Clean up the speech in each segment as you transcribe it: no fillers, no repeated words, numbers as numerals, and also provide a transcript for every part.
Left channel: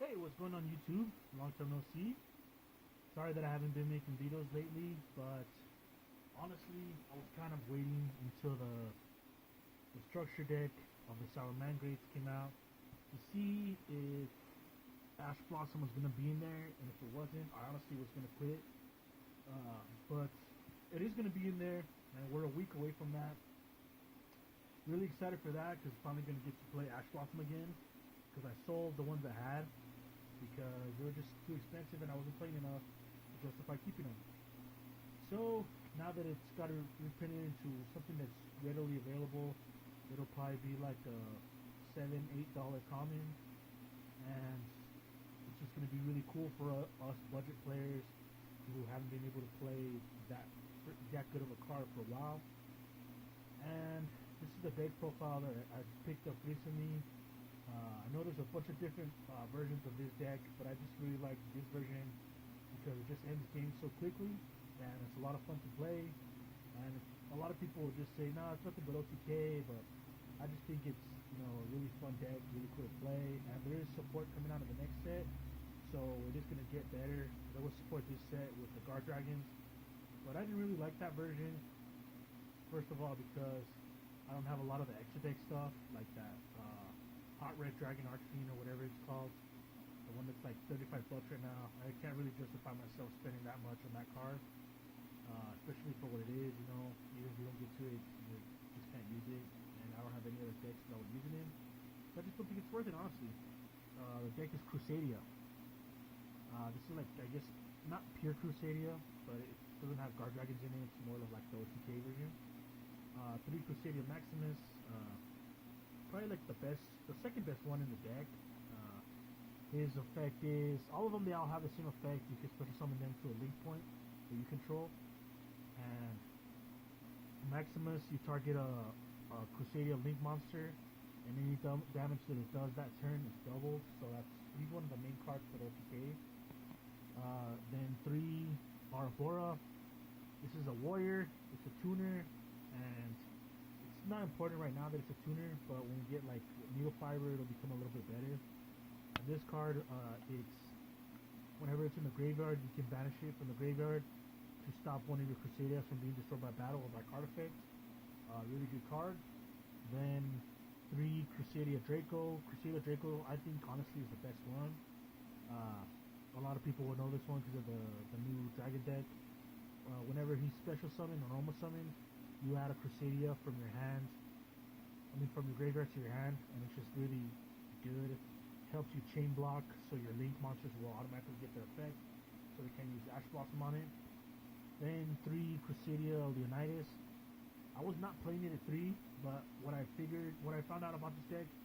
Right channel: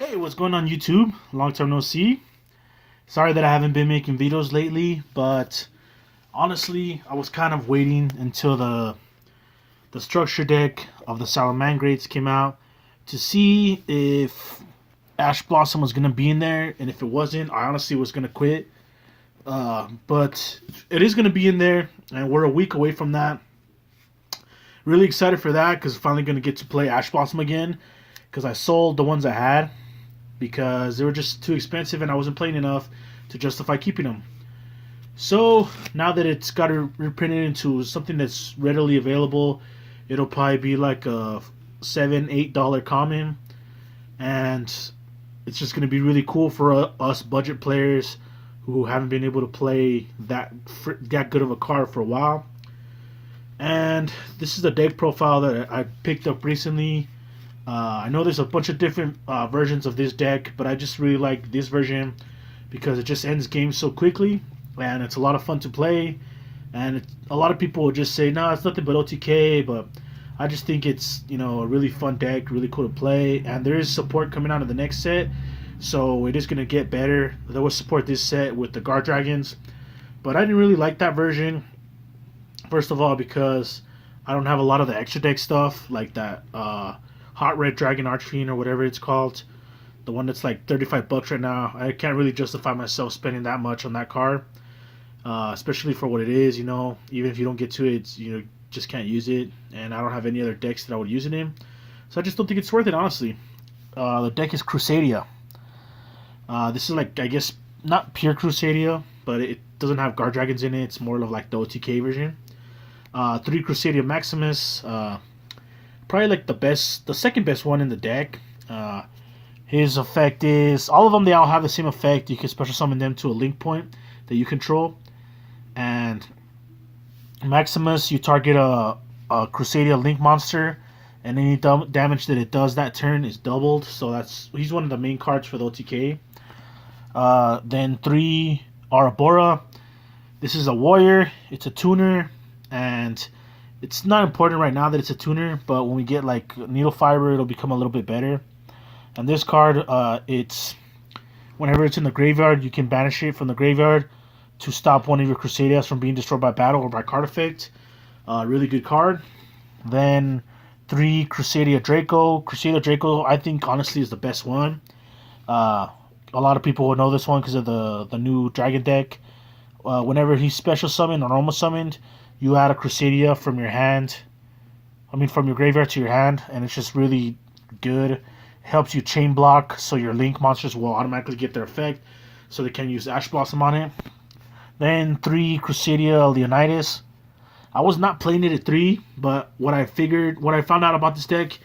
Hey, what's going on YouTube? Long time no see. Sorry that I haven't been making videos lately, but honestly, I was kind of waiting until the structure deck of the Salamangreats came out to see if Ash Blossom was gonna be in there, and if it wasn't, I honestly was gonna quit. But it is gonna be in there, and we're a week away from that. Really excited for that because finally gonna get to play Ash Blossom again. Because I sold the ones I had because they were just too expensive and I wasn't playing enough to justify keeping them. So now that it's got reprinted into something that's readily available, it'll probably be like a $7-8 common, and it's just going to be really cool for us budget players who haven't been able to play that good of a card for a while. And this is the deck profile that I picked up recently. I know there's a bunch of different versions of this deck, but I just really like this version because it just ends games so quickly, and it's a lot of fun to play. And a lot of people will just say, "No, it's nothing but OTK," but I just think it's a really fun deck, really cool to play. And there is support coming out of the next set, so it is gonna get better. There was support this set with the Guard Dragons, but I didn't really like that version. First of all, because I don't have a lot of the extra deck stuff like that. Hot Red Dragon Archfiend or whatever it's called, the one that's like $35 right now. I can't really justify myself spending that much on that card, especially for what it is. Even if you don't get to it, just can't use it, and I don't have any other decks that I would use it in, so I just don't think it's worth it, honestly. The deck is Crusadia. This is like, I guess, not pure Crusadia, but it doesn't have Guard Dragons in it. It's more of like the OTK version. 3 Crusadia Maximus. Probably like the second best one in the deck. His effect is all of them. They all have the same effect. You can special summon them to a link point that you control. And Maximus, you target a Crusadia link monster, and any damage that it does that turn is doubled. So he's one of the main cards for the OTK. Then 3 Arabora. This is a warrior. It's a tuner, and it's not important right now that it's a tuner, but when we get like Needle Fiber, it'll become a little bit better. And this card, it's whenever it's in the graveyard, you can banish it from the graveyard to stop one of your Crusadias from being destroyed by battle or by card effect. Really good card. Then 3 Crusadia Draco. Crusadia Draco, I think honestly is the best one. A lot of people will know this one because of the new Dragon deck. Whenever he's special summoned or normal summoned, you add a Crusadia from your graveyard to your hand, and it's just really good. It helps you chain block, so your link monsters will automatically get their effect, so they can use Ash Blossom on it. Then 3 Crusadia Leonidas. I was not playing it at 3, but what I found out about this deck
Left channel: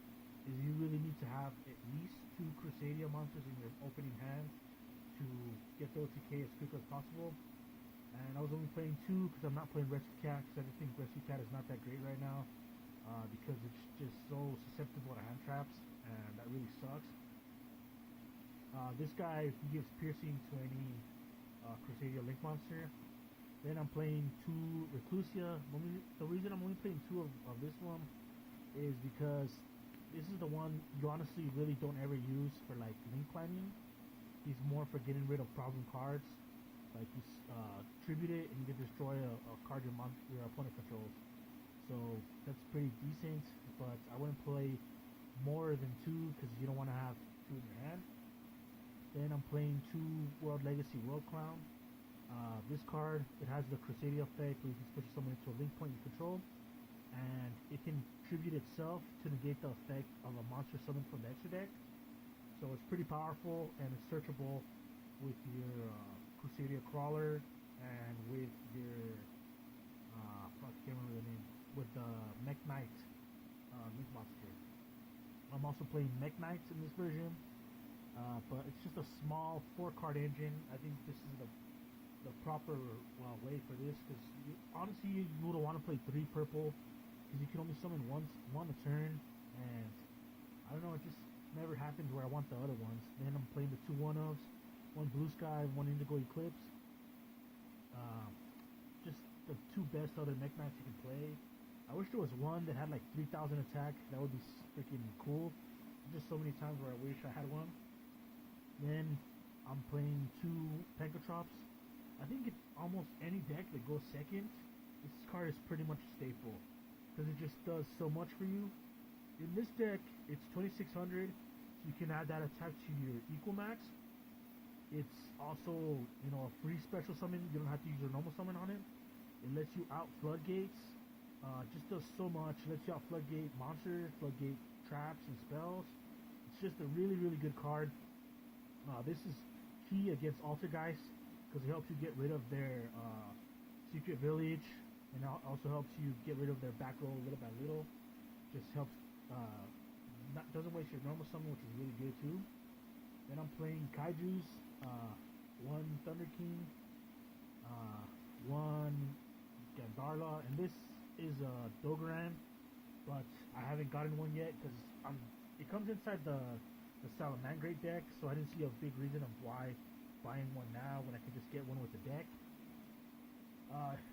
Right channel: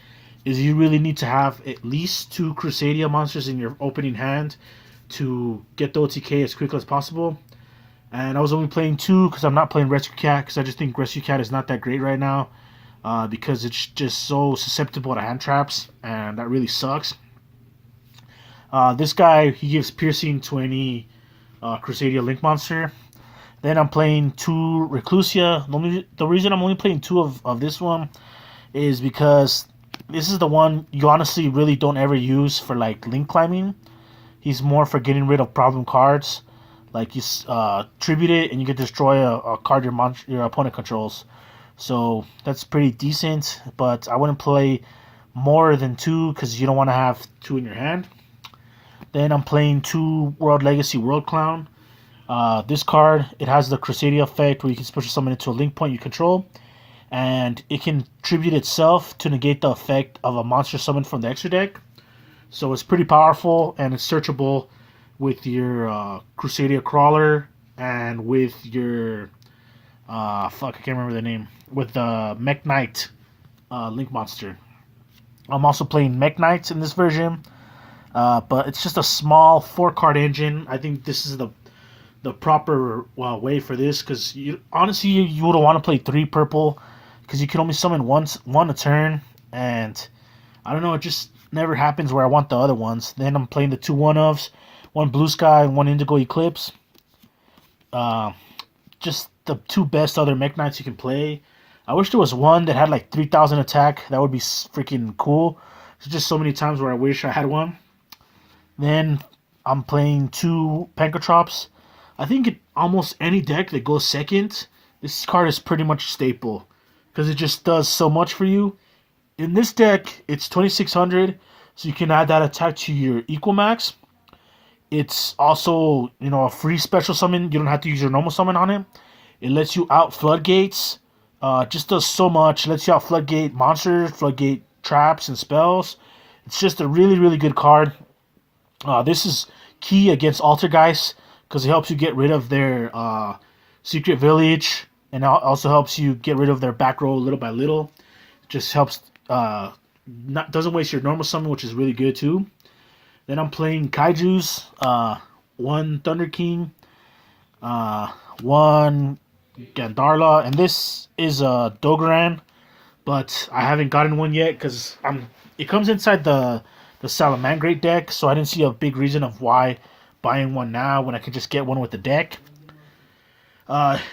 is you really need to have at least 2 Crusadia monsters in your opening hand to get the OTK as quickly as possible. And I was only playing 2 because I'm not playing Rescue Cat, because I just think Rescue Cat is not that great right now, because it's just so susceptible to hand traps, and that really sucks. This guy, he gives piercing to any Crusadia Link monster. Then I'm playing 2 Reclusia. The reason I'm only playing 2 of this one is because this is the one you honestly really don't ever use for like link climbing. He's more for getting rid of problem cards. Like you tribute it and you can destroy a card your opponent controls. So that's pretty decent, but I wouldn't play more than 2 because you don't want to have 2 in your hand. Then I'm playing 2 World Legacy World Clown. This card, it has the Crusadia effect where you can special summon it to a link point you control, and it can tribute itself to negate the effect of a monster summoned from the extra deck. So it's pretty powerful, and it's searchable with your Crusadia Crawler and with your I can't remember the name, with the Mech Knight Link Monster. I'm also playing Mech Knights in this version, but it's just a small 4-card engine. I think this is the proper way for this, because honestly you would want to play 3 purple because you can only summon one a turn, and I don't know, it just never happens where I want the other ones. Then I'm playing the 2 1-ofs, 1 Blue Sky and 1 Indigo Eclipse. Just the 2 best other Mech Knights you can play. I wish there was one that had like 3,000 attack. That would be freaking cool. There's just so many times where I wish I had one. Then I'm playing 2 Pankratrops. I think almost any deck that goes second, this card is pretty much staple because it just does so much for you. In this deck, it's 2600, so you can add that attack to your equal max. It's also, a free special summon. You don't have to use your normal summon on it. It lets you out floodgates. Just does so much. Lets you out floodgate monsters, floodgate traps, and spells. It's just a really, really good card. This is key against Altergeist because it helps you get rid of their secret village, and also helps you get rid of their back row little by little. It just helps. Doesn't waste your normal summon, which is really good too. Then I'm playing Kaiju's, 1 Thunder King, 1 Gandarla, and this is a Dogaran, but I haven't gotten one yet because It comes inside the Salamangreat deck, so I didn't see a big reason of why buying one now when I could just get one with the deck.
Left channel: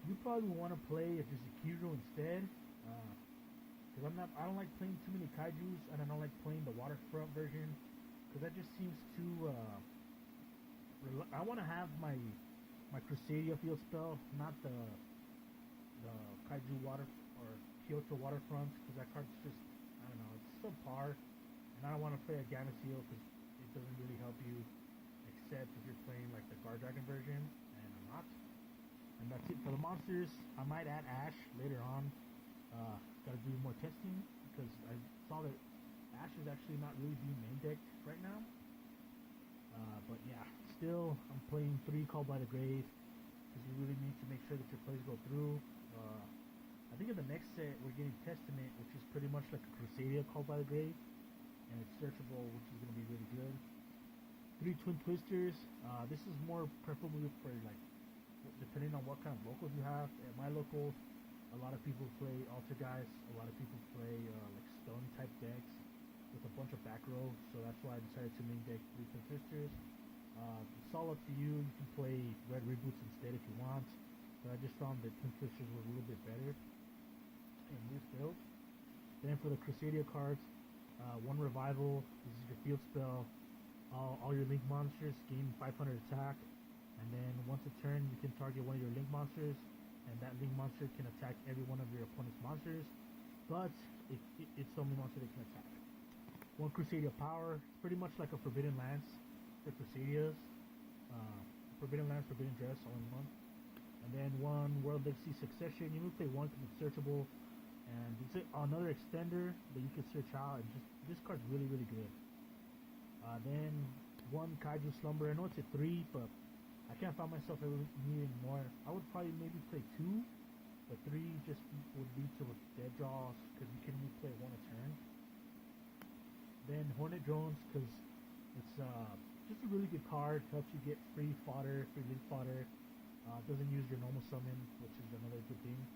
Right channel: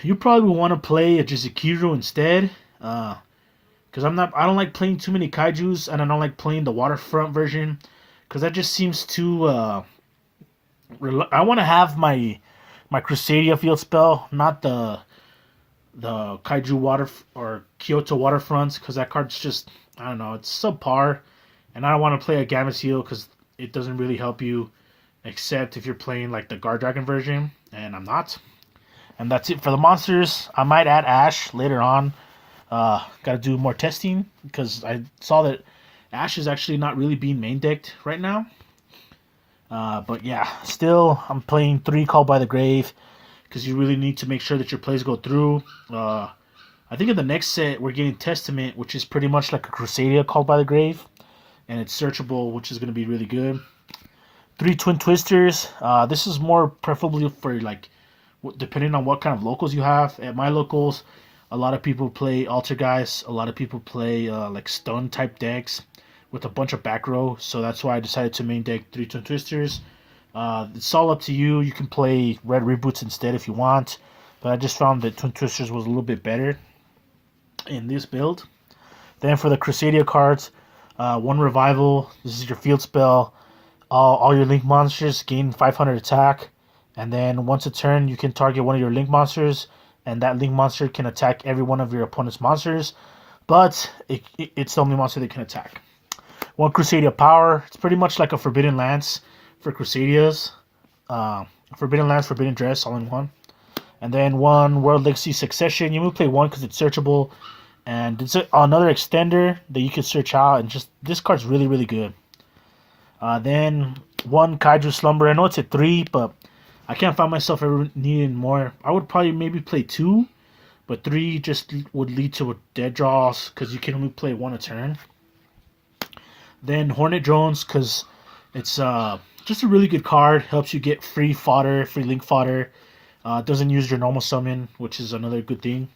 You probably want to play a Jizukiru instead, because I don't like playing too many Kaiju's, and I don't like playing the waterfront version because that just seems too. I want to have my Crusadia field spell, not the Kaiju water or Kyoto waterfronts, because that card's just, I don't know, it's subpar, and I don't want to play a Gamma Seal because it doesn't really help you, except if you're playing like the Guard Dragon version, and I'm not. And that's it for the monsters. I might add Ash later on. Got to do more testing because I saw that Ash is actually not really being main decked right now. But yeah, still I'm playing 3 Called by the Grave because you really need to make sure that your plays go through. I think in the next set we're getting Testament, which is pretty much like a Crusadia Called by the Grave, and it's searchable, which is going to be really good. 3 Twin Twisters. This is more preferably for like depending on what kind of locals you have. At my locals, a lot of people play Altergeist. A lot of people play like stun type decks with a bunch of back row. So that's why I decided to main deck 3 Twin Twisters. It's all up to you. You can play Red Reboots instead if you want. But I just found that Twin Twisters was a little bit better in this build. Then for the Crusadia cards, 1 Revival. This is your field spell. All your Link monsters gain 500 attack. And then once a turn, you can target one of your Link monsters, and that Link monster can attack every one of your opponent's monsters, but it's the only monster that can attack. 1 Crusadia Power. It's pretty much like a Forbidden Lance for Crusadias. Forbidden Lance, Forbidden Dress, all in one. And then 1 World Legacy Succession. You only play 1 because it's searchable, and it's another extender that you can search out, and just this card's really, really good. Then 1 Kaiju Slumber. I know it's at 3, but I can't find myself ever needing more. I would probably maybe play 2, but 3 just would lead to dead draws because you can only play 1 a turn. Then Hornet Drones, because it's just a really good card. Helps you get free fodder, free Link fodder. Doesn't use your normal summon, which is another good thing.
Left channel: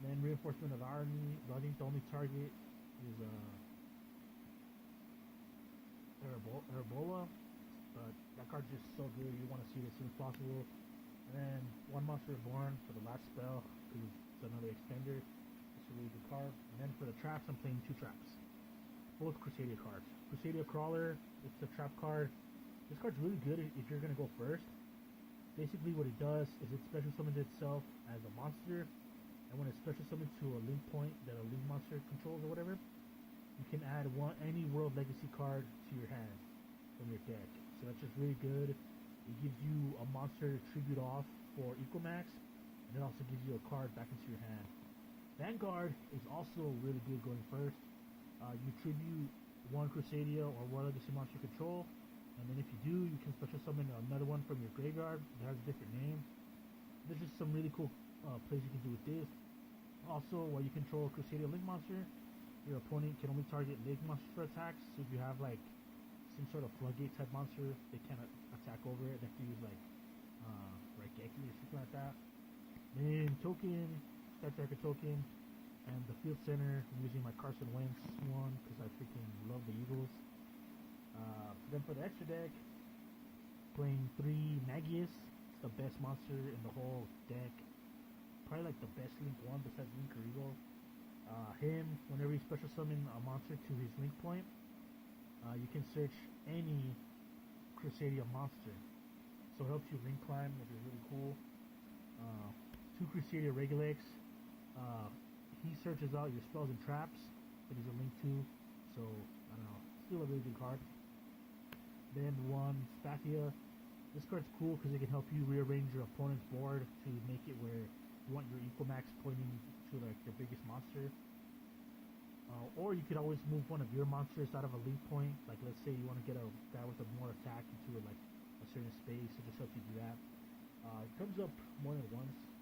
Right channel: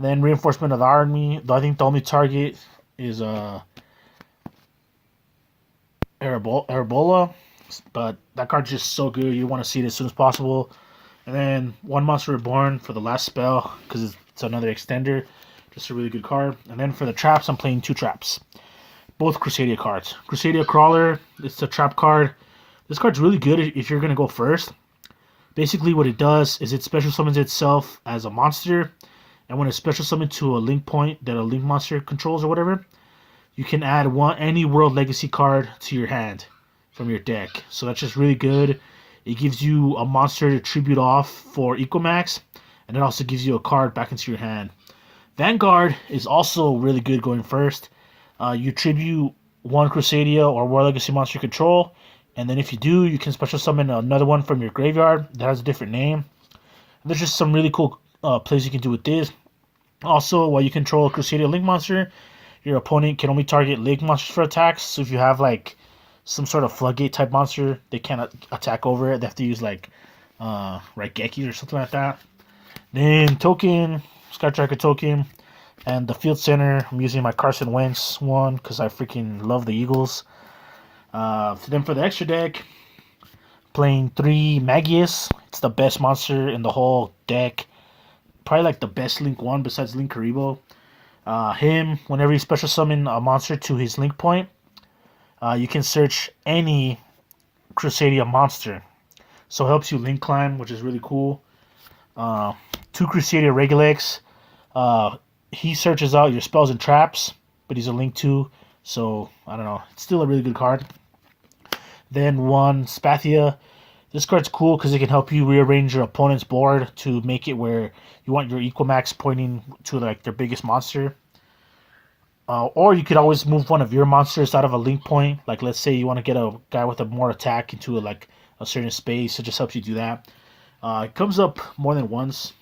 Then Reinforcement of the Army. I think the only target is Arabola. But that card's just so good. You want to see it as soon as possible. And then 1 Monster Reborn for the last spell because it's another extender. Just a really good card. And then for the traps, I'm playing 2 traps. Both Crusadia cards. Crusadia Crawler, it's a trap card. This card's really good if you're going to go first. Basically what it does is it special summons itself as a monster. And when it's special summoned to a link point that a link monster controls or whatever, you can add any World Legacy card to your hand from your deck. So that's just really good. It gives you a monster to tribute off for Equamax, and it also gives you a card back into your hand. Vanguard is also really good going first. You tribute 1 Crusadia or World Legacy monster control, and then if you do, you can special summon another one from your graveyard that has a different name. And there's just some really cool plays you can do with this. Also, while you control a Crusadia Link monster, your opponent can only target Link monsters for attacks. So if you have like some sort of floodgate type monster, they can't attack over it. They have to use like Raigeki or something like that. Then token, Skytracker token, and the field center. I'm using my Carson Wentz one because I freaking love the Eagles. Then for the extra deck, playing 3 Magius. It's the best monster in the whole deck. Probably like the best Link one besides Link Karibo. Him, whenever you special summon a monster to his Link point, you can search any Crusadia monster. So it helps you link climb, which is really cool. Uh, 2 Crusadia Regulex. Uh, he searches out your spells and traps, but he's a link 2. So, I don't know. It's still a really good card. Then 1 Spathia. This card's cool because it can help you rearrange your opponent's board to make it where you want your Equimax pointing to like their biggest monster. Or you could always move one of your monsters out of a link point. Like let's say you want to get a guy with a more attack into like a certain space. It just helps you do that. It comes up more than once.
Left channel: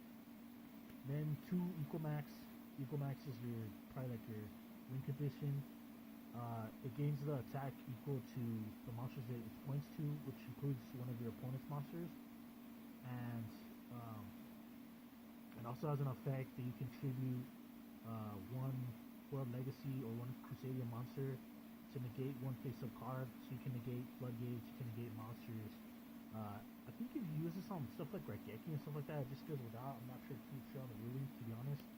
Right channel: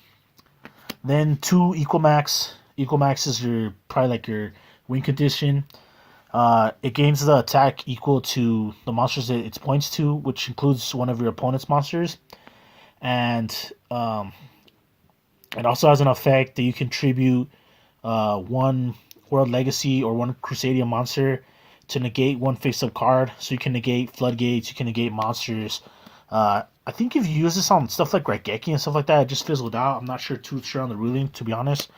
Then 2 Equimax. Equimax is your probably like your win condition. It gains the attack equal to the monsters that it points to, which includes one of your opponent's monsters. And it also has an effect that you contribute 1 World Legacy or 1 Crusadia monster to negate 1 face-up card. So you can negate floodgates, you can negate monsters. I think if you use this on stuff like Raigeki and stuff like that, it just fizzled out. I'm not too sure on the ruling, to be honest.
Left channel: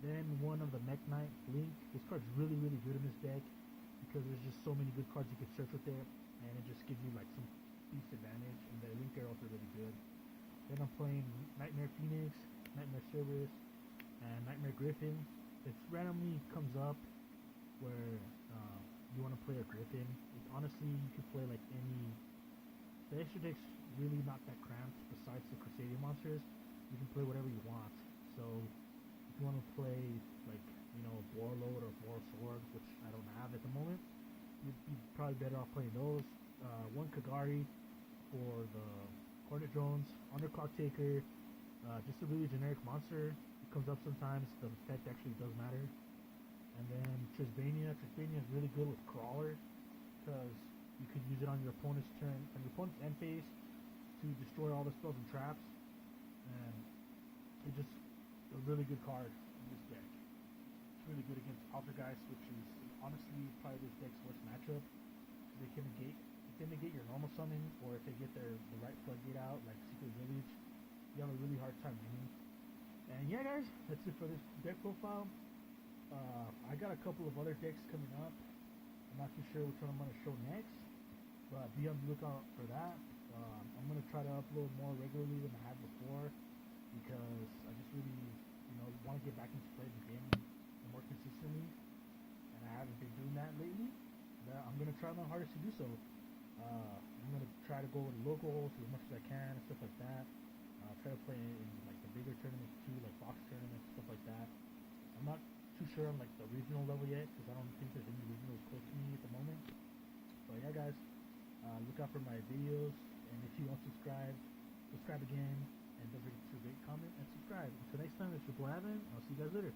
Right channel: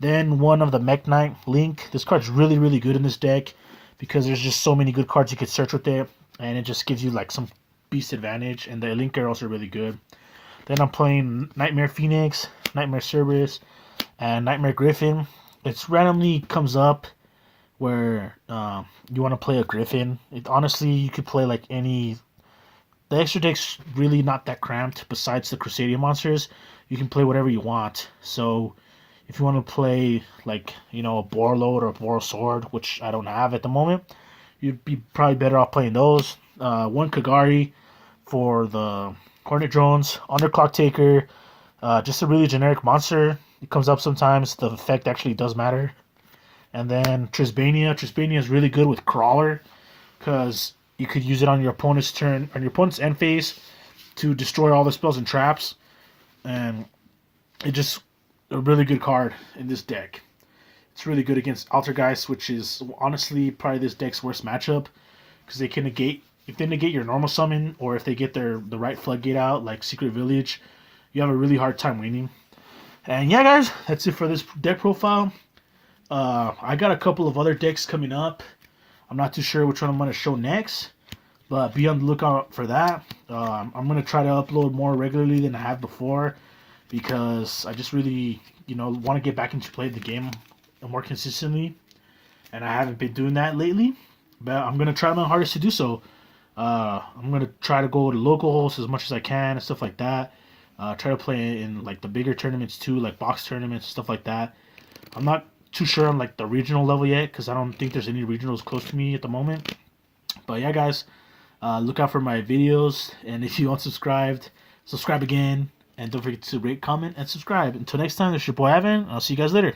Then 1 of the Mech Knight Link. This card's really, really good in this deck because there's just so many good cards you could search with it, and it just gives you like some beast advantage. And the Link are also really good. Then I'm playing Nightmare Phoenix, Nightmare Cerberus, and Nightmare Griffin. It's randomly comes up where you want to play a Griffin. Honestly, you could play like any. The extra deck's really not that cramped. Besides the Crusadia monsters, you can play whatever you want. So if you want to play like a Borload or a Boral Sword, which I don't have at the moment, you'd be probably better off playing those. 1 Kagari for the Hornet Drones, Underclock Taker, just a really generic monster. It comes up sometimes. The effect actually does matter. And then Trisbania. Trisbania is really good with Crawler because you could use it on your opponent's turn, on your opponent's end phase, to destroy all the spells and traps. And it just a really good card in this deck. It's really good against Altergeist, which is honestly probably this deck's worst matchup because they can negate. If they negate your normal summon, or if they get the right floodgate out, like Secret Village, you have a really hard time winning. And yeah, guys, that's it for this deck profile. I got a couple of other decks coming up. I'm not too sure which one I'm going to show next, but be on the lookout for that. I'm going to try to upload more regularly than I have before because I just really, want to get back into playing the game more consistently, and I haven't been doing that lately, but I'm going to try my hardest to do so. I'm going to try to go to locals as much as I can and stuff like that. Try to play in like the bigger tournaments too, like box tournaments, stuff like that. I'm not too sure on like the regional level yet because I don't think there's any regionals close to me at the moment. But yeah, guys, look out for my videos, and if you aren't subscribed, subscribe again, and don't forget to rate, comment, and subscribe. Until next time, this is your boy Ivan. I'll see you guys later.